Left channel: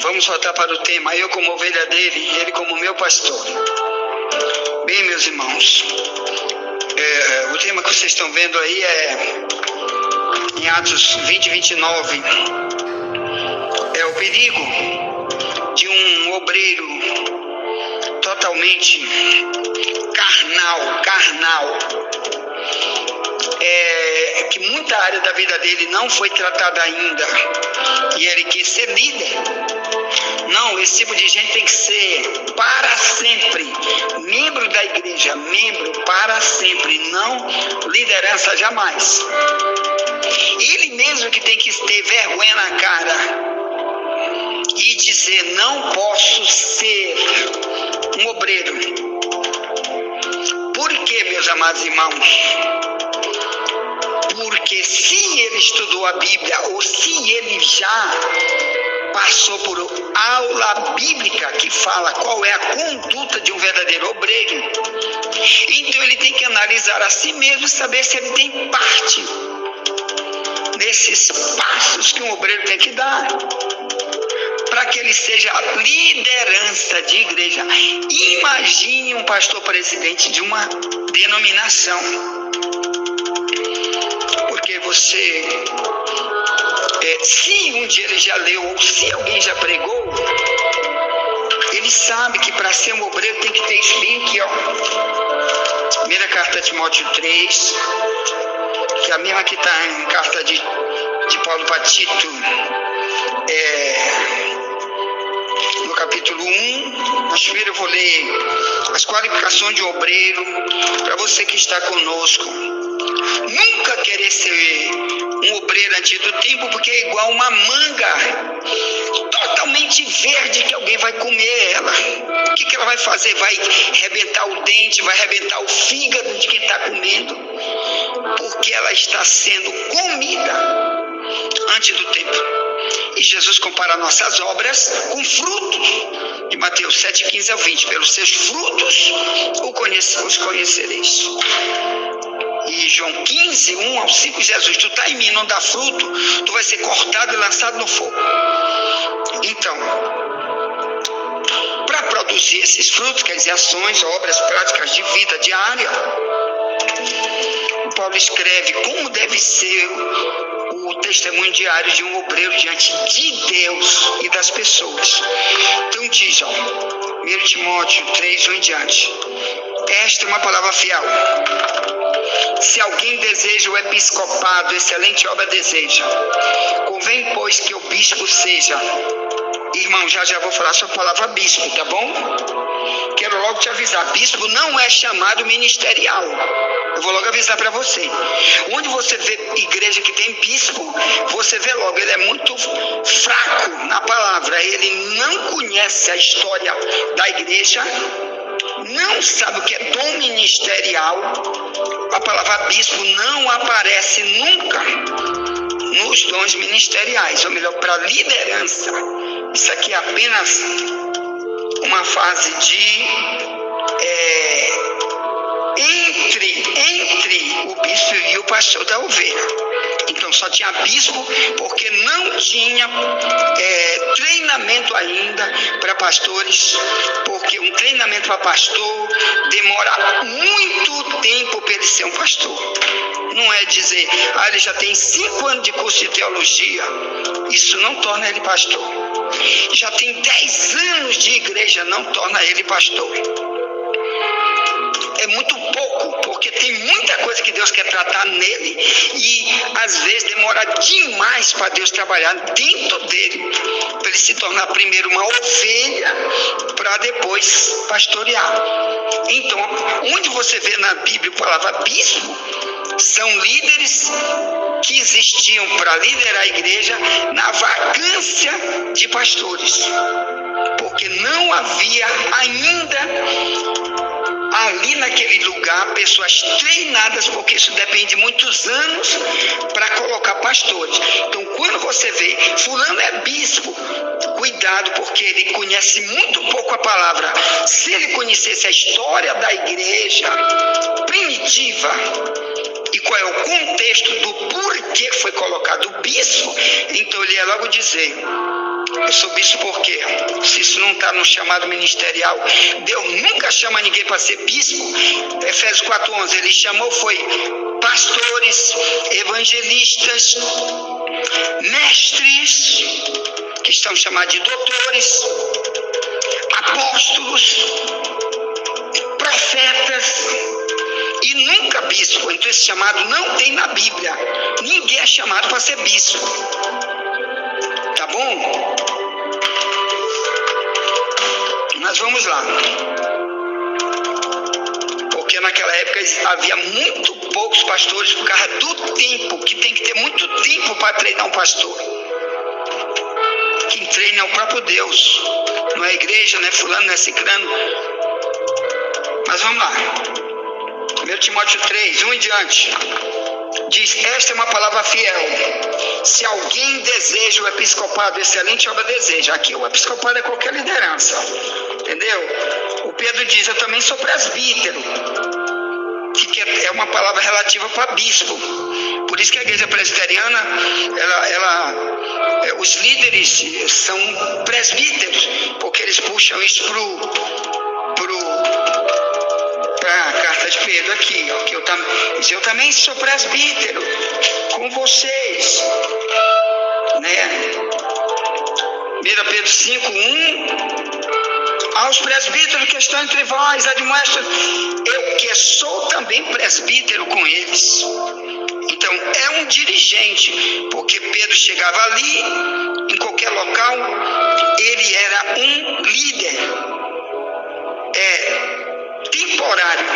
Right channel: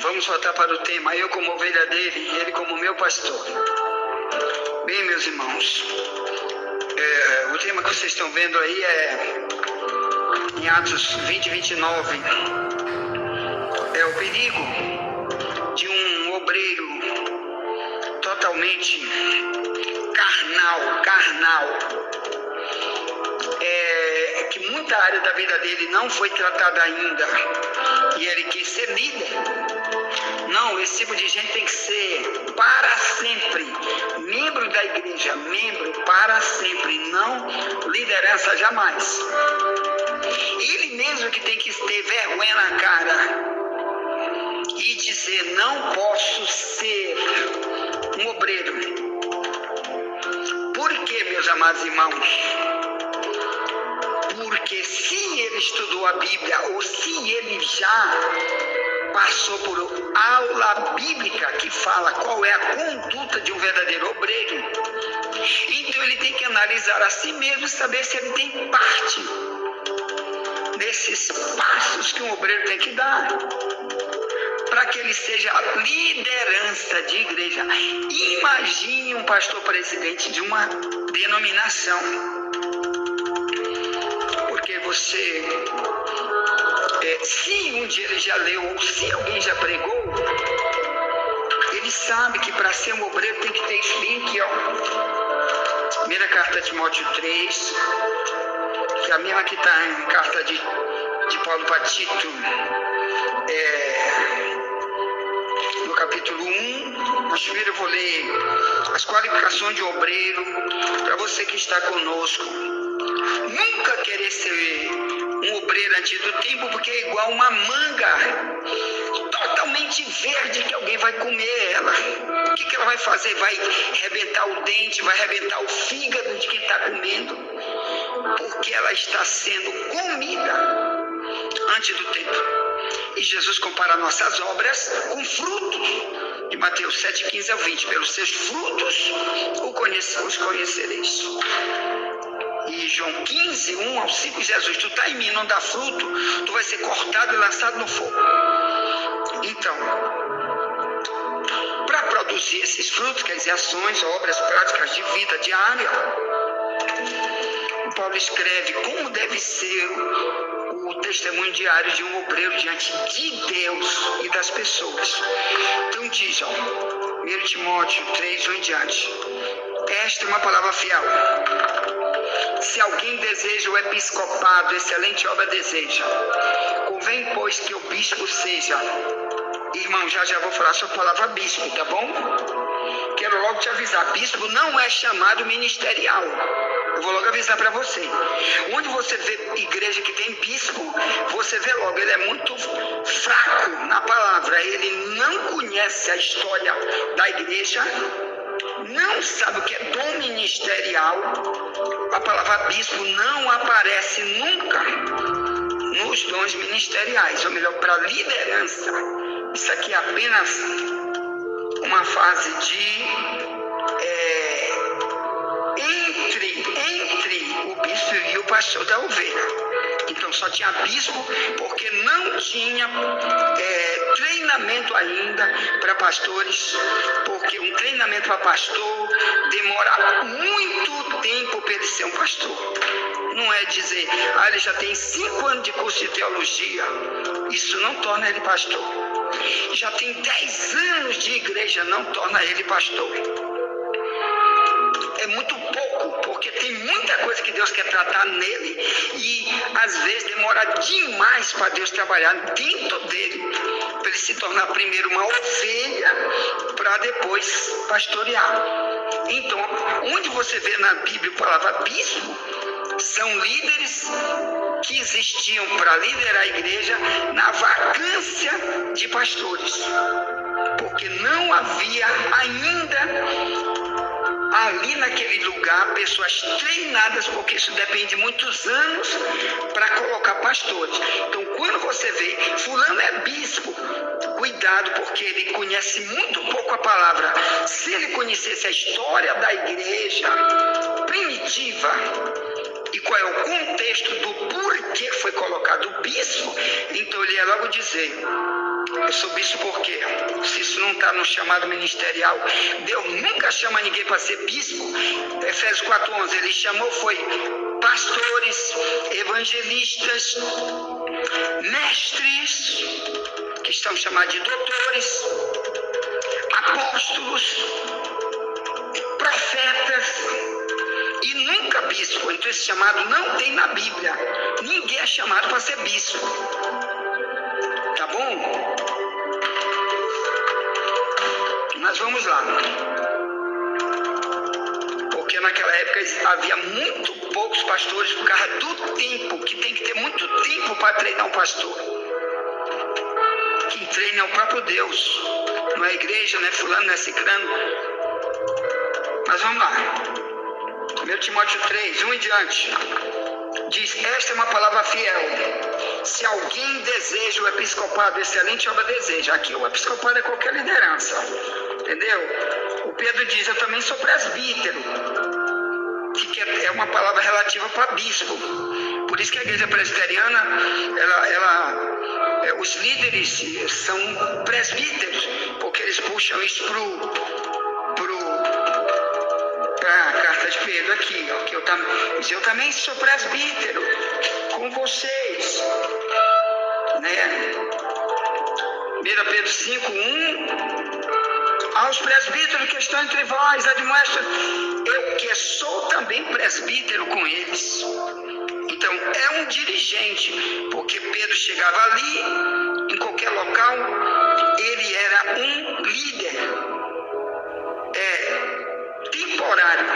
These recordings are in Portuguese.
Vamos voltar para o tema. Eu como ovelha dele e ele como meu pastor. Bem, meus irmãos, o tema que vocês estão vendo aí é em Atos 20, 29. É o perigo de um obreiro totalmente carnal. Que muita área da vida dele não foi tratada ainda e ele quer ser líder. Não, esse tipo de gente tem que ser para sempre membro da igreja, membro para sempre, não liderança jamais. Ele mesmo que tem que ter vergonha na cara e dizer: não posso ser um obreiro. Por quê, meus amados irmãos? Porque se ele estudou a Bíblia ou se ele já passou por aula bíblica que fala qual é a conduta de um verdadeiro obreiro, então ele tem que analisar a si mesmo e saber se ele tem parte nesses passos que um obreiro tem que dar para que ele seja liderança de igreja. Imagine um pastor presidente de uma denominação. Você, se um dia ele já leu ou se alguém já pregou, ele sabe que para ser um obreiro tem que ter esse link, Primeira carta de Timóteo 3, que é a mesma que está em carta de Paulo para Tito, no capítulo 1. Mas primeiro eu vou ler as qualificações de obreiro para você que está conosco. Nunca querer ser um obreiro antes do tempo, porque é igual uma manga totalmente verde que alguém vai comer ela. O que ela vai fazer? Vai arrebentar o dente, vai arrebentar o fígado de quem está comendo, porque ela está sendo comida antes do tempo. E Jesus compara nossas obras com frutos. De Mateus 7, 15 a 20. Pelos seus frutos os conhecereis. E João 15, 1 ao 5, Jesus: tu está em mim, não dá fruto, tu vai ser cortado e lançado no fogo. Então, para produzir esses frutos, quer dizer, ações, obras práticas de vida diária, o Paulo escreve como deve ser o testemunho diário de um obreiro diante de Deus e das pessoas. Então diz, 1 Timóteo 3, 1 em diante: esta é uma palavra fiel. Se alguém deseja o episcopado, excelente obra deseja. Convém, pois, que o bispo seja. Irmão, já vou falar sobre a palavra bispo, tá bom? Quero logo te avisar, bispo não é chamado ministerial. Eu vou logo avisar para você. Onde você vê igreja que tem bispo, você vê logo, ele é muito fraco na palavra. Ele não conhece a história da igreja, não sabe o que é dom ministerial. A palavra bispo não aparece nunca nos dons ministeriais, ou melhor, para liderança. Isso aqui é apenas uma fase de entre o bispo e o pastor da ovelha. Então só tinha bispo porque não tinha treinamento ainda para pastores, porque um treinamento para pastor demora muito tempo para ele ser um pastor. Não é dizer, ele já tem 5 anos de curso de teologia, isso não torna ele pastor. Já tem 10 anos de igreja, não torna ele pastor. É muito pouco, porque tem muita coisa que Deus quer tratar nele e às vezes demora demais para Deus trabalhar dentro dele, para ele se tornar primeiro uma ovelha para depois pastorear. Então, onde você vê na Bíblia a palavra bispo, são líderes que existiam para liderar a igreja na vacância de pastores, porque não havia ainda ali naquele lugar pessoas treinadas, porque isso depende de muitos anos para colocar pastores. Então, quando você vê fulano é bispo, cuidado, porque ele conhece muito pouco a palavra. Se ele conhecesse a história da igreja primitiva e qual é o contexto do porquê foi colocado o bispo, então ele ia logo dizer: Eu sou bispo por quê? Se isso não está no chamado ministerial, Deus nunca chama ninguém para ser bispo. Efésios 4:11, ele chamou foi pastores, evangelistas, mestres, que estão chamados de doutores, apóstolos, profetas, e nunca bispo. Então esse chamado não tem na Bíblia. Ninguém é chamado para ser bispo. Tá bom? Mas vamos lá. Porque naquela época havia muito poucos pastores por causa do tempo, que tem que ter muito tempo para treinar um pastor. Quem treina é o próprio Deus. Não é a igreja, não é fulano, não é ciclano. Mas vamos lá. 1 Timóteo 3, 1 em diante. Diz, esta é uma palavra fiel. Se alguém deseja o episcopado, excelente obra deseja. Aqui o episcopado é qualquer liderança. Entendeu? O Pedro diz, eu também sou presbítero. Que é uma palavra relativa para bispo. Por isso que a igreja presbiteriana, os líderes são presbíteros, porque eles puxam isso para a carta de Pedro aqui, ó, que eu também sou presbítero com vocês, né? 1 Pedro 5:1, aos presbíteros que estão entre vós, admoesta, eu que sou também presbítero com eles. Então é um dirigente, porque Pedro chegava ali, em qualquer local, ele era um líder temporário,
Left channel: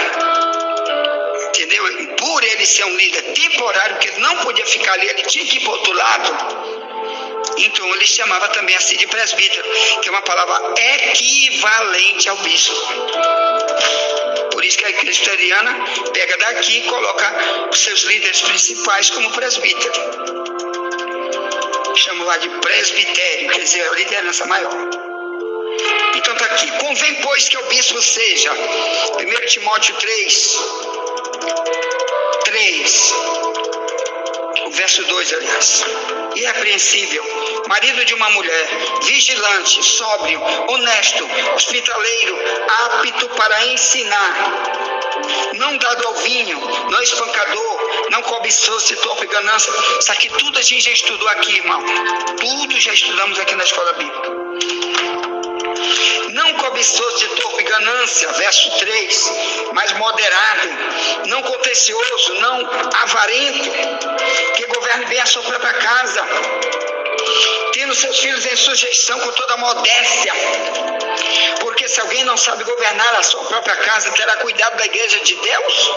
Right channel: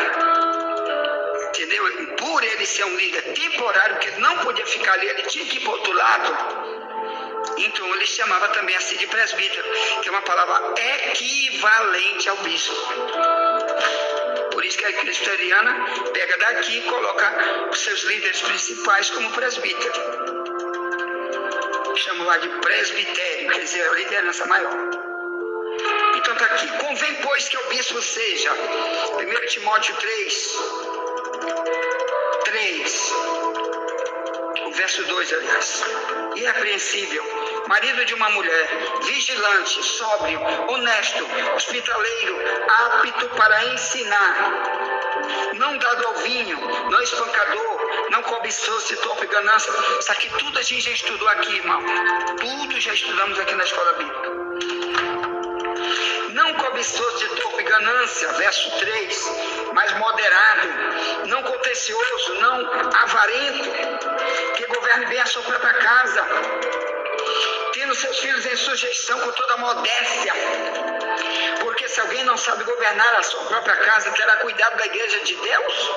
entendeu? Por ele ser um líder temporário, que ele não podia ficar ali, ele tinha que ir para o outro lado. Então ele chamava também assim de presbítero, que é uma palavra equivalente ao bispo. Por isso que a igreja presbiteriana pega daqui e coloca os seus líderes principais como presbítero. Chama lá de presbitério, quer dizer, a liderança maior. Então está aqui, convém, pois, que o bispo seja, 1 Timóteo 3, o verso 2, aliás, irrepreensível, marido de uma mulher, vigilante, sóbrio, honesto, hospitaleiro, apto para ensinar, não dado ao vinho, não espancador, não cobiçoso, torpe ganância. Isso aqui tudo a gente já estudou aqui, irmão. Tudo já estudamos aqui na escola bíblica. Não cobiçoso de torpe ganância, verso 3, mas moderado, não contencioso, não avarento, que governe bem a sua própria casa, tendo seus filhos em sujeição com toda modéstia, porque se alguém não sabe governar a sua própria casa, terá cuidado da igreja de Deus?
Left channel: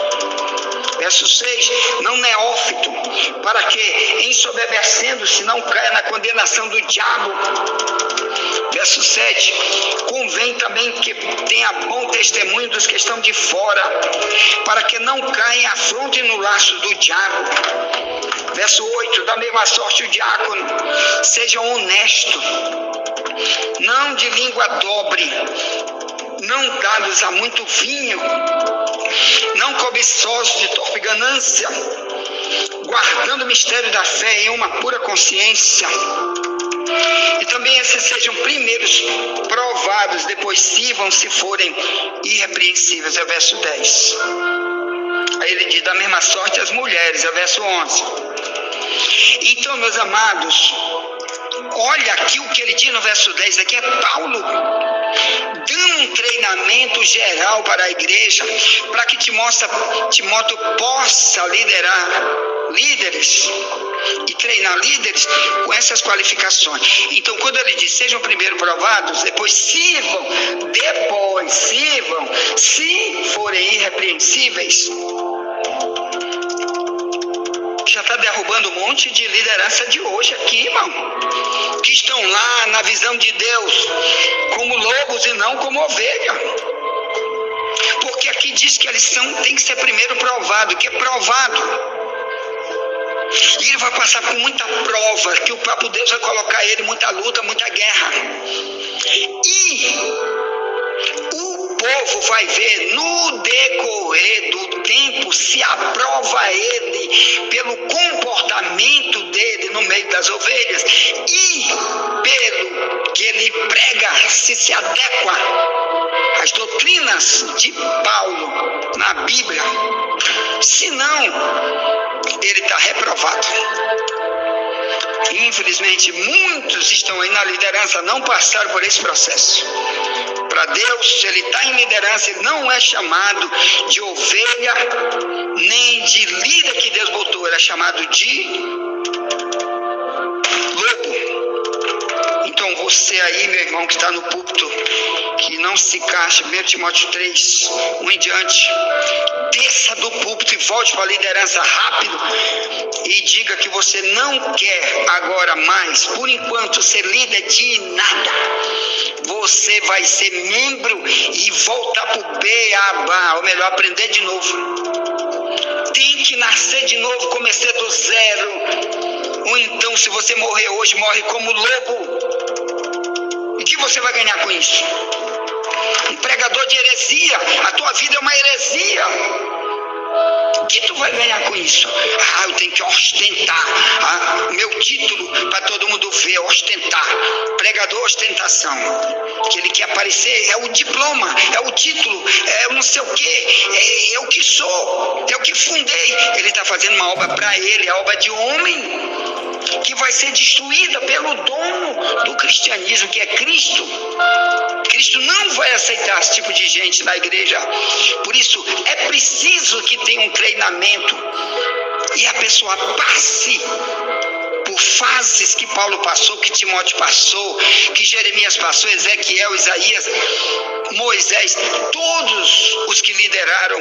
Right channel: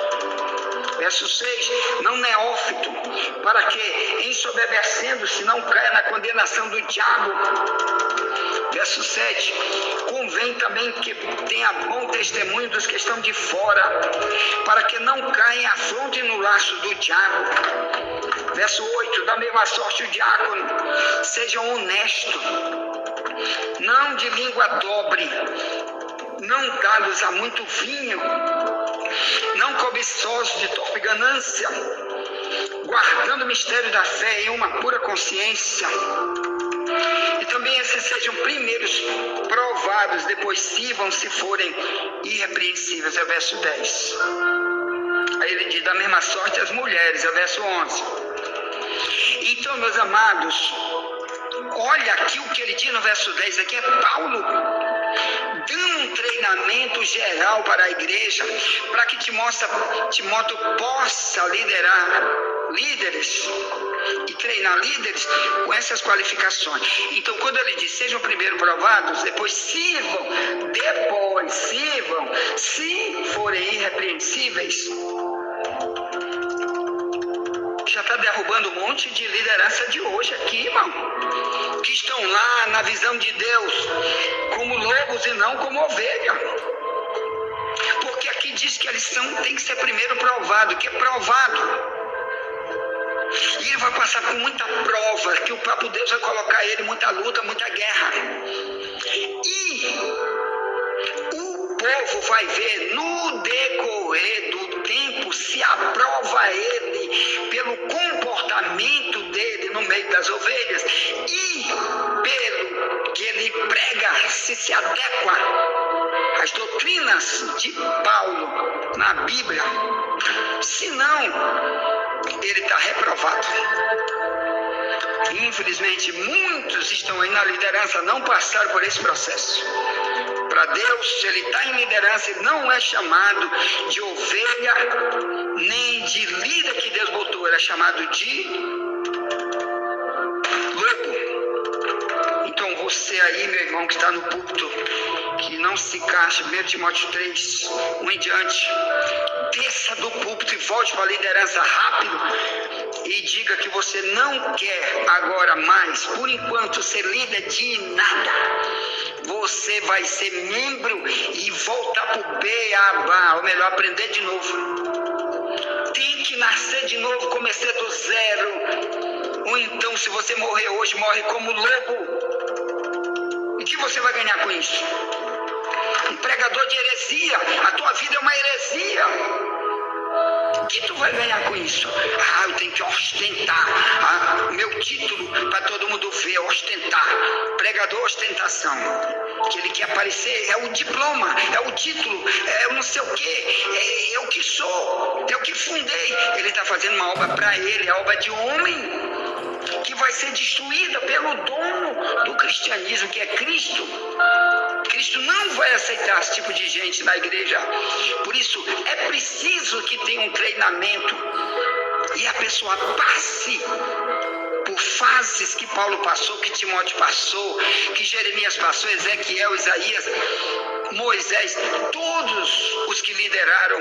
Verso 6, não neófito, para que, ensoberbecendo-se, não caia na condenação do diabo. Verso 7, convém também que tenha bom testemunho dos que estão de fora, para que não caia em afronte no laço do diabo. Verso 8, da mesma sorte o diácono, sejam honestos, não de língua dobre, não dados a muito vinho, não cobiçosos de torpe ganância, guardando o mistério da fé em uma pura consciência. E também esses sejam primeiros provados, depois sirvam se forem irrepreensíveis, é o verso 10. Aí ele diz, da mesma sorte as mulheres, é o verso 11. Então, meus amados, olha aqui o que ele diz no verso 10, aqui é Paulo dando um treinamento geral para a igreja, para que Timóteo possa liderar líderes e treinar líderes com essas qualificações. Então, quando ele diz, sejam primeiro provados, depois sirvam, se forem irrepreensíveis, já está derrubando um monte de liderança de hoje aqui, irmão, que estão lá na visão de Deus como lobos e não como ovelha, porque aqui diz que eles têm que ser primeiro provado, que é provado, e ele vai passar por muita prova, que o próprio Deus vai colocar ele, muita luta, muita guerra, e o povo vai ver no decorrer do tempo se aprova ele pelo comportamento dele no meio das ovelhas, e pelo que ele prega, se adequa às doutrinas de Paulo na Bíblia. Senão, ele está reprovado. Infelizmente, muitos estão aí na liderança, não passaram por esse processo. Para Deus, se ele está em liderança, ele não é chamado de ovelha, nem de líder que Deus botou, ele é chamado de lobo. Então você aí, meu irmão, que está no púlpito, que não se encaixa, 1 Timóteo 3, 1 em diante, desça do púlpito e volte para a liderança rápido e diga que você não quer agora mais, por enquanto, ser líder de nada. Você vai ser membro e voltar para o beabá, ou melhor, aprender de novo. Tem que nascer de novo, começar do zero. Ou então, se você morrer hoje, morre como lobo. E o que você vai ganhar com isso? Um pregador de heresia, a tua vida é uma heresia. O que tu vai ganhar com isso? Eu tenho que ostentar meu título para todo mundo ver, ostentar. Pregador, ostentação. Que ele quer aparecer, é o diploma, é o título, é o não sei o quê, é o que sou, é o que fundei. Ele está fazendo uma obra para ele, a obra de homem, que vai ser destruída pelo dono do cristianismo, que é Cristo. Cristo não vai aceitar esse tipo de gente na igreja. Por isso, é preciso que tenha um treinamento e a pessoa passe por fases que Paulo passou, que Timóteo passou, que Jeremias passou, Ezequiel, Isaías, Moisés, todos os que lideraram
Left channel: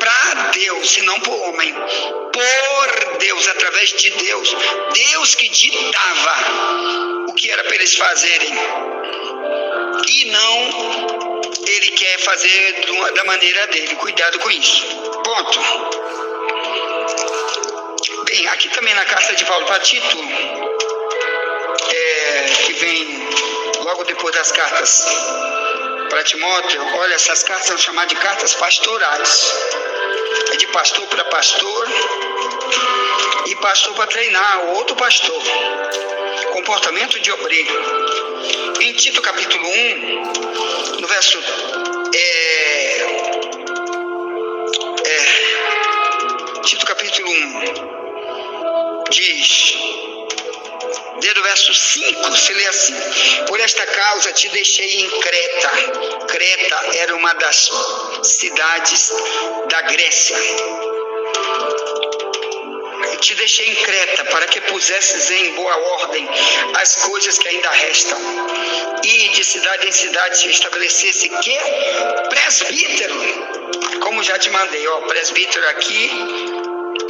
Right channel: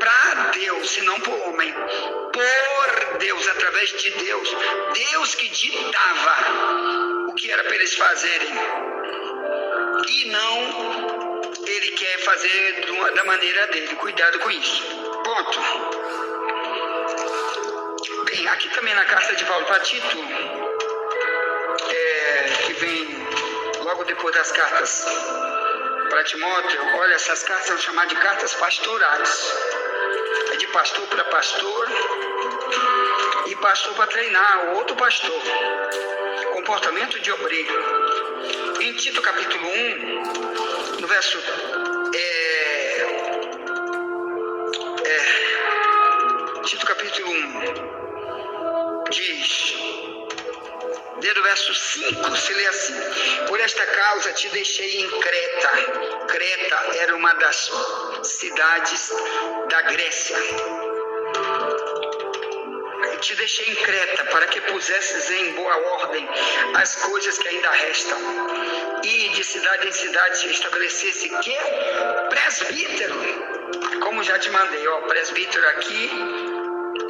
para Deus e não por homem, por Deus, através de Deus, Deus que ditava o que era para eles fazerem, e não ele quer fazer da maneira dele. Cuidado com isso. Ponto. Bem, aqui também na carta de Paulo para Tito, que vem logo depois das cartas para Timóteo, olha, essas cartas são chamadas de cartas pastorais. É de pastor para pastor e pastor para treinar o outro pastor. Comportamento de obreiro. Em Tito capítulo 1, no verso Tito capítulo 1 diz, desde o verso 5, se lê assim: por esta causa te deixei em Creta. Creta era uma das cidades da Grécia. Te deixei em Creta para que pusesses em boa ordem as coisas que ainda restam, e de cidade em cidade se estabelecesse que presbítero, como já te mandei. Presbítero aqui,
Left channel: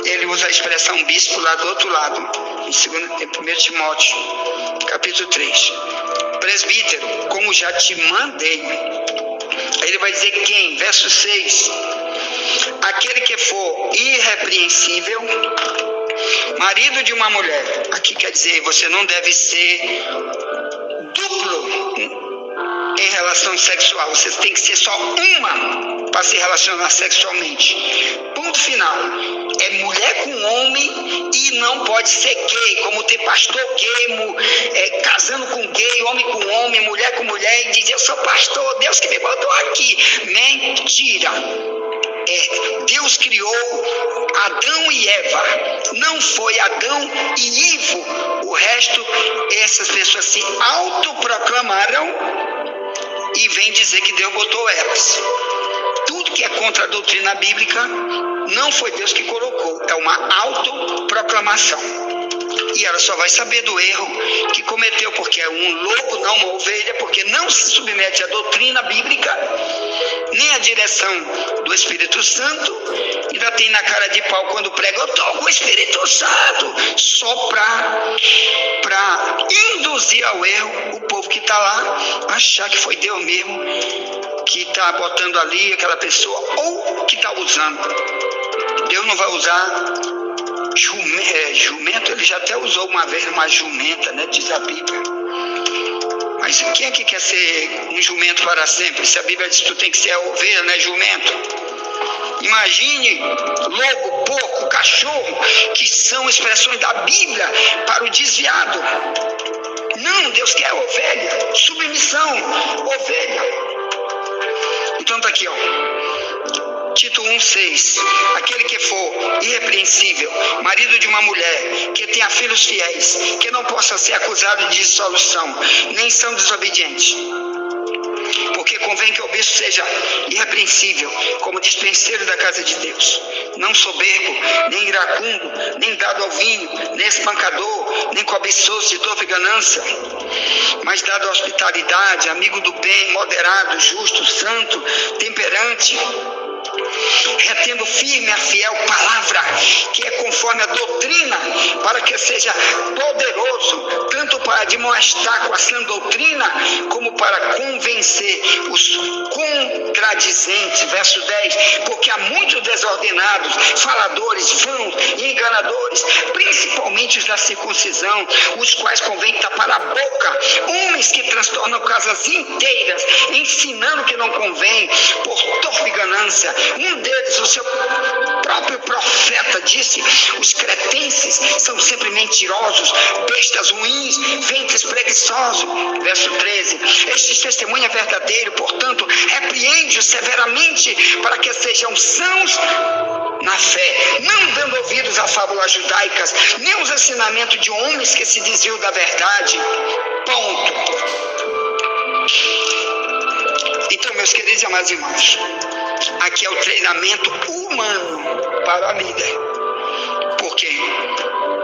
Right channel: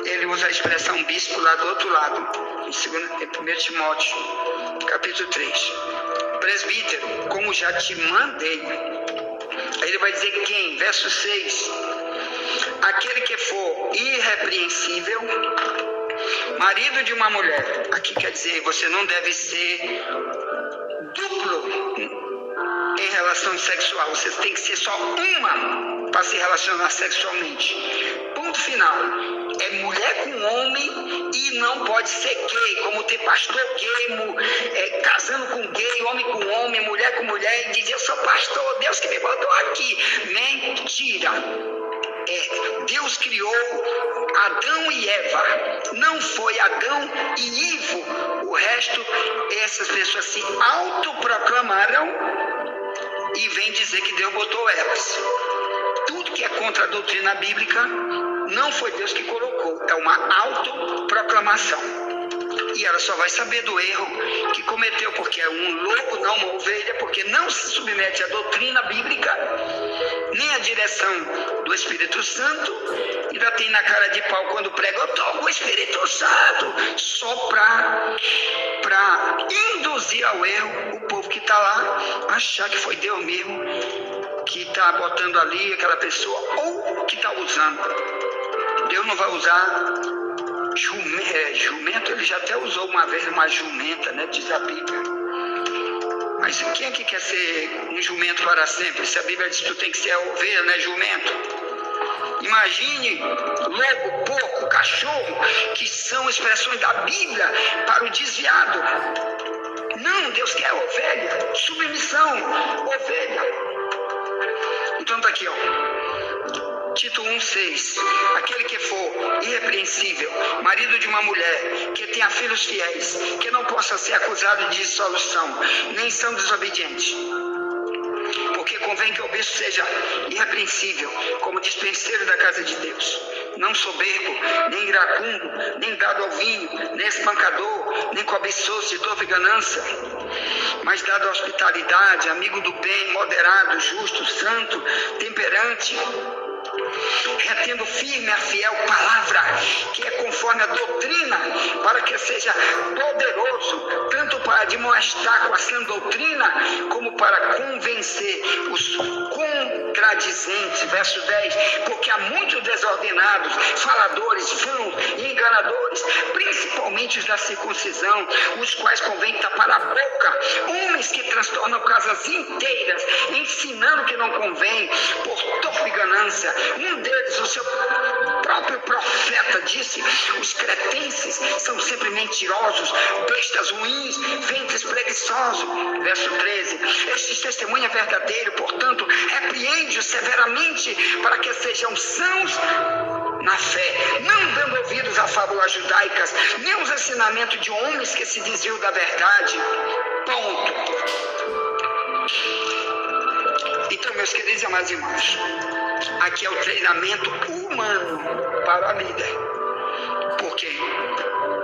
ele usa a expressão bispo lá do outro lado, em 1 Timóteo capítulo 3. Presbítero, como já te mandei. Aí ele vai dizer quem? Verso 6: aquele que for irrepreensível, marido de uma mulher. Aqui quer dizer, você não deve ser duplo em relação sexual. Você tem que ser só uma para se relacionar sexualmente. Ponto final. É mulher com homem e não pode ser gay, como tem pastor gay, casando com gay, homem com homem, mulher com mulher, e diz: eu sou pastor, Deus que me botou aqui. Mentira. Deus criou Adão e Eva, não foi Adão e Ivo. O resto, essas pessoas se autoproclamaram e vem dizer que Deus botou elas. Tudo que é contra a doutrina bíblica não foi Deus que colocou, é uma autoproclamação. E ela só vai saber do erro que cometeu, porque é um lobo, não uma ovelha, porque não se submete à doutrina bíblica, nem à direção do Espírito Santo. Ainda tem na cara de pau quando prega: eu estou com o Espírito Santo, só para induzir ao erro o povo que está lá, achar que foi Deus mesmo que está botando ali aquela pessoa, ou que está usando. Deus não vai usar jumento. Ele já até usou uma vez uma jumenta, né? Diz a Bíblia. Mas quem é que quer ser um jumento para sempre? Se a Bíblia diz que tu tem que ser a ovelha, não é jumento. Imagine lobo, porco, cachorro, que são expressões da Bíblia para o desviado. Não, Deus quer ovelha, submissão, ovelha. Então está aqui, Tito 1,6, aquele que for irrepreensível, marido de uma mulher, que tenha filhos fiéis, que não possa ser acusado de dissolução, nem são desobedientes. Porque convém que o bispo seja irrepreensível, como dispenseiro da casa de Deus, não soberbo, nem iracundo, nem dado ao vinho, nem espancador, nem cobiçoso de toda ganância, mas dado à hospitalidade, amigo do bem, moderado, justo, santo, temperante, retendo firme a fiel palavra, que é conforme a doutrina, para que seja poderoso, tanto para admoestar com a sã doutrina, como para convencer os contradizentes. Verso 10, porque há muitos desordenados, faladores, vãos e enganadores, principalmente os da circuncisão, os quais convém tapar a boca, homens que transtornam casas inteiras, ensinando que não convém, por torpe ganância. Um deles, o seu próprio profeta, disse: os cretenses são sempre mentirosos, bestas ruins, ventres preguiçosos. Verso 13, este testemunho é verdadeiro, portanto, repreende-os severamente, para que sejam sãos na fé, não dando ouvidos a fábulas judaicas, nem os ensinamentos de homens que se desviam da verdade. Ponto. Então, meus queridos e amados irmãos, aqui é o treinamento humano para a líder. Porque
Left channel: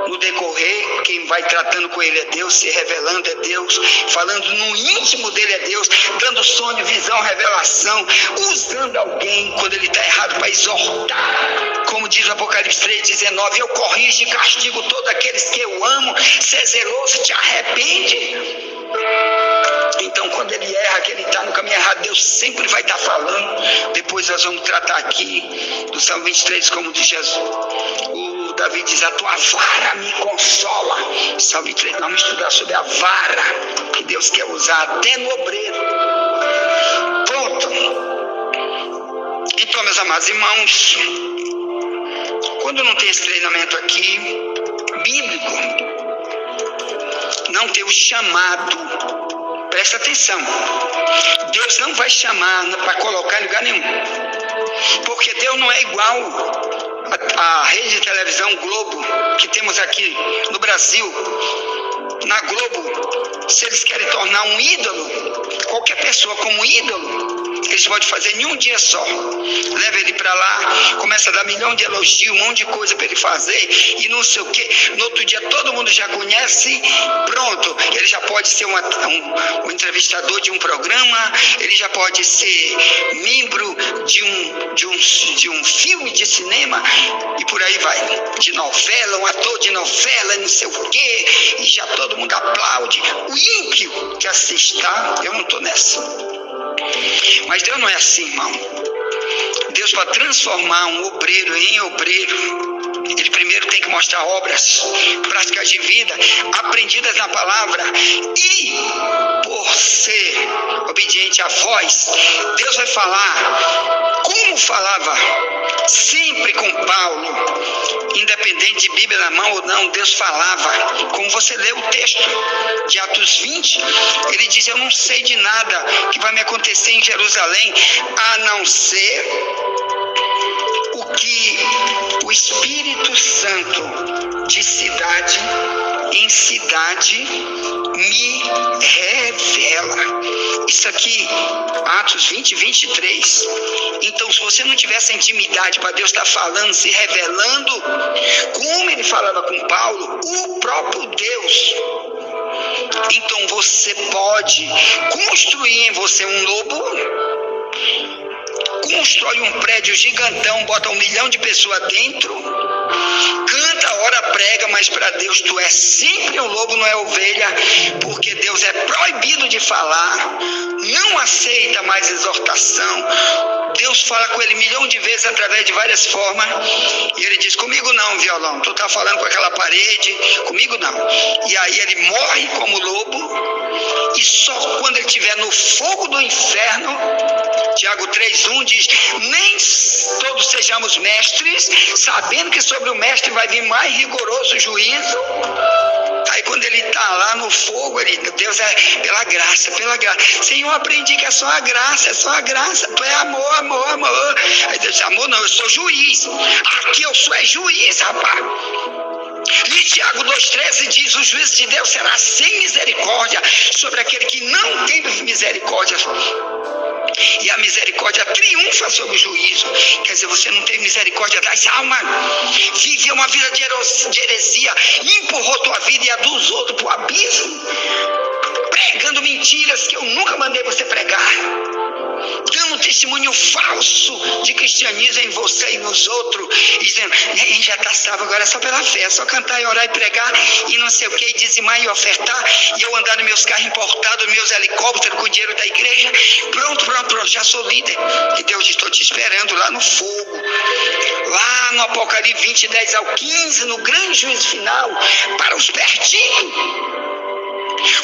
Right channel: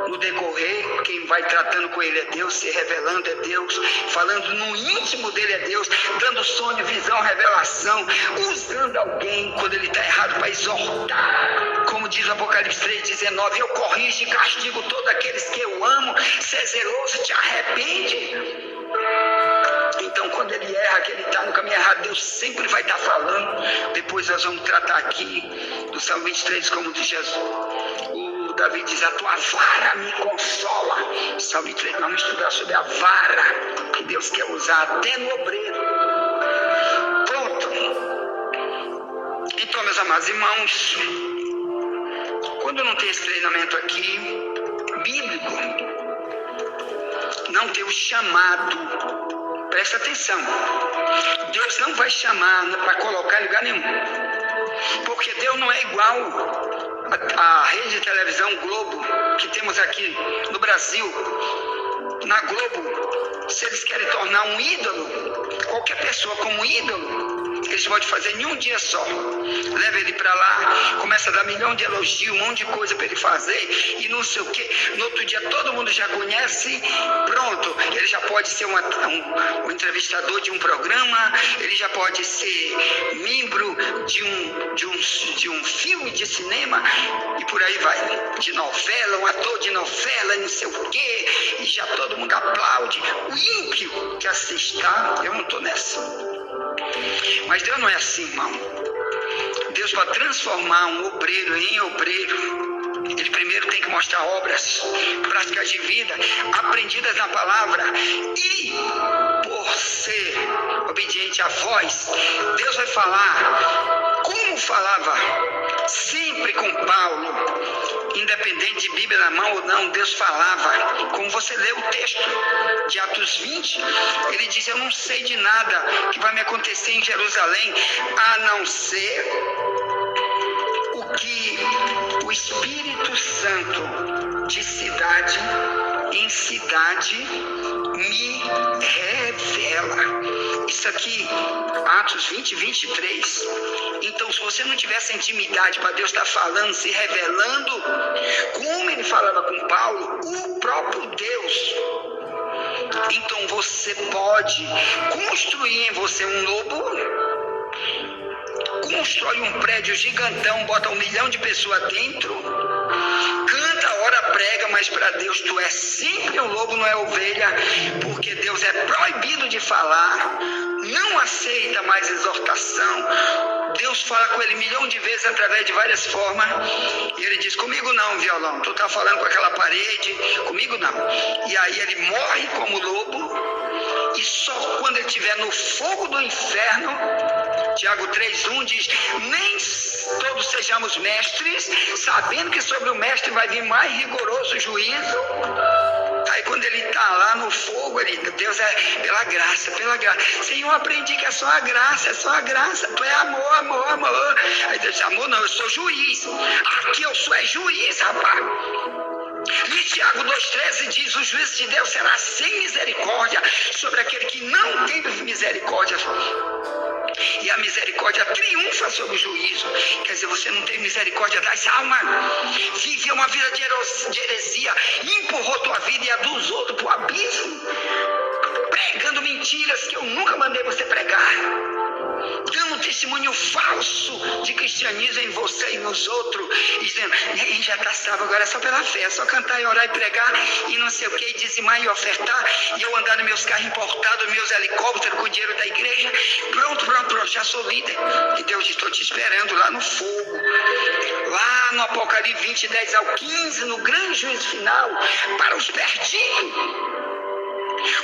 no decorrer, quem vai tratando com ele é Deus, se revelando é Deus, falando no íntimo dele é Deus, dando sonho, visão, revelação, usando alguém quando ele está errado para exortar. Como diz o Apocalipse 3,19, eu corrijo e castigo todos aqueles que eu amo, se é zeloso, te arrepende. Então, quando ele erra, que ele está no caminho errado, Deus sempre vai estar falando. Depois nós vamos tratar aqui do Salmo 23, como diz Jesus. O Davi diz: a tua vara me consola. Salmo 23, vamos estudar sobre a vara que Deus quer usar até no obreiro. Pronto. Então, meus amados irmãos, quando não tem esse treinamento aqui, bíblico, não tem o chamado. Presta atenção, Deus não vai chamar para colocar em lugar nenhum, porque Deus não é igual a rede de televisão Globo que temos aqui no Brasil. Na Globo, se eles querem tornar um ídolo, qualquer pessoa como ídolo, eles podem fazer em um dia só. Leva ele para lá, começa a dar milhão de elogios, um monte de coisa para ele fazer e não sei o que. No outro dia todo mundo já conhece, pronto, ele já pode ser um entrevistador de um programa, ele já pode ser membro de um filme de cinema e por aí vai. De novela, um ator de novela, não sei o que, e já todo mundo aplaude. O ímpio que assiste, tá? Eu não estou nessa. Mas Deus não é assim, irmão. Deus, para transformar um obreiro em obreiro, ele primeiro tem que mostrar obras, práticas de vida, aprendidas na palavra. E por ser obediente à voz, Deus vai falar como falava sempre com Paulo, independente de Bíblia na mão ou não. Deus falava, como você lê o texto de Atos 20, ele diz: eu não sei de nada que vai me acontecer em Jerusalém, a não ser o que o Espírito Santo de cidade em cidade me revela. Isso aqui, Atos 20, 23. Então, se você não tiver essa intimidade para Deus estar falando, se revelando, como ele falava com Paulo, o próprio Deus, então você pode construir em você um lobo, constrói um prédio gigantão, bota 1 milhão de pessoas dentro, canta, ora, prega, mas para Deus tu é sempre um lobo, não é ovelha, porque Deus é proibido de falar, não aceita mais exortação. Deus fala com ele 1 milhão de vezes através de várias formas, e ele diz: comigo não, violão, tu tá falando com aquela parede, comigo não. E aí ele morre como lobo, E só quando ele estiver no fogo do inferno, Tiago 3,1 diz: nem todos sejamos mestres, sabendo que sobre o mestre vai vir mais rigoroso juízo. Aí quando ele está lá no fogo, Deus é pela graça. Senhor, eu aprendi que é só a graça, tu é amor. Aí Deus diz: amor não, eu sou juiz. Aqui eu sou juiz, rapaz. E Tiago 2,13 diz: o juízo de Deus será sem misericórdia sobre aquele que não tem misericórdia. E a misericórdia triunfa sobre o juízo. Quer dizer, você não teve misericórdia das almas, viveu uma vida de heresia, empurrou tua vida e a dos outros para o abismo, pregando mentiras que eu nunca mandei você pregar, dando um testemunho falso de cristianismo em você e nos outros, dizendo: já está salvo, agora é só pela fé, é só cantar e orar e pregar e não sei o que, e dizimar e ofertar, e eu andar nos meus carros importados, nos meus helicópteros com o dinheiro da igreja, pronto, já sou líder. E Deus diz: estou te esperando lá no fogo, lá no Apocalipse 20, 10 ao 15, no grande juízo final, para os perdidos,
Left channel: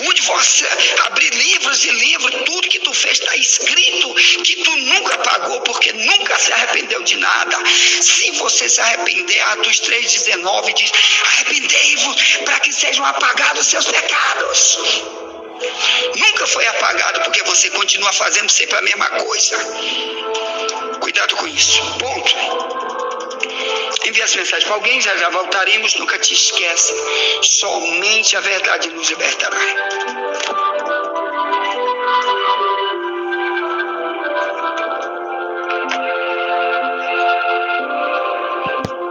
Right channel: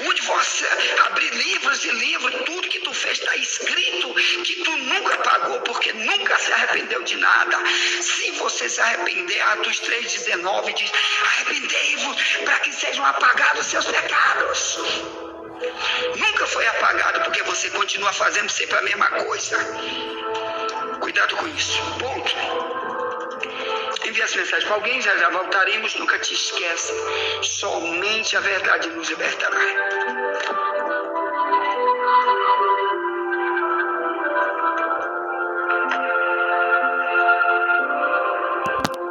onde você abrir livros e livros, tudo que tu fez está escrito, que tu nunca pagou, porque nunca se arrependeu de nada. Se você se arrepender, Atos 3,19 diz: arrependei-vos para que sejam apagados os seus pecados. Nunca foi apagado, porque você continua fazendo sempre a mesma coisa. Cuidado com isso. Ponto. Envie as mensagens para alguém, já voltaremos. Nunca te esquece, somente a verdade nos libertará.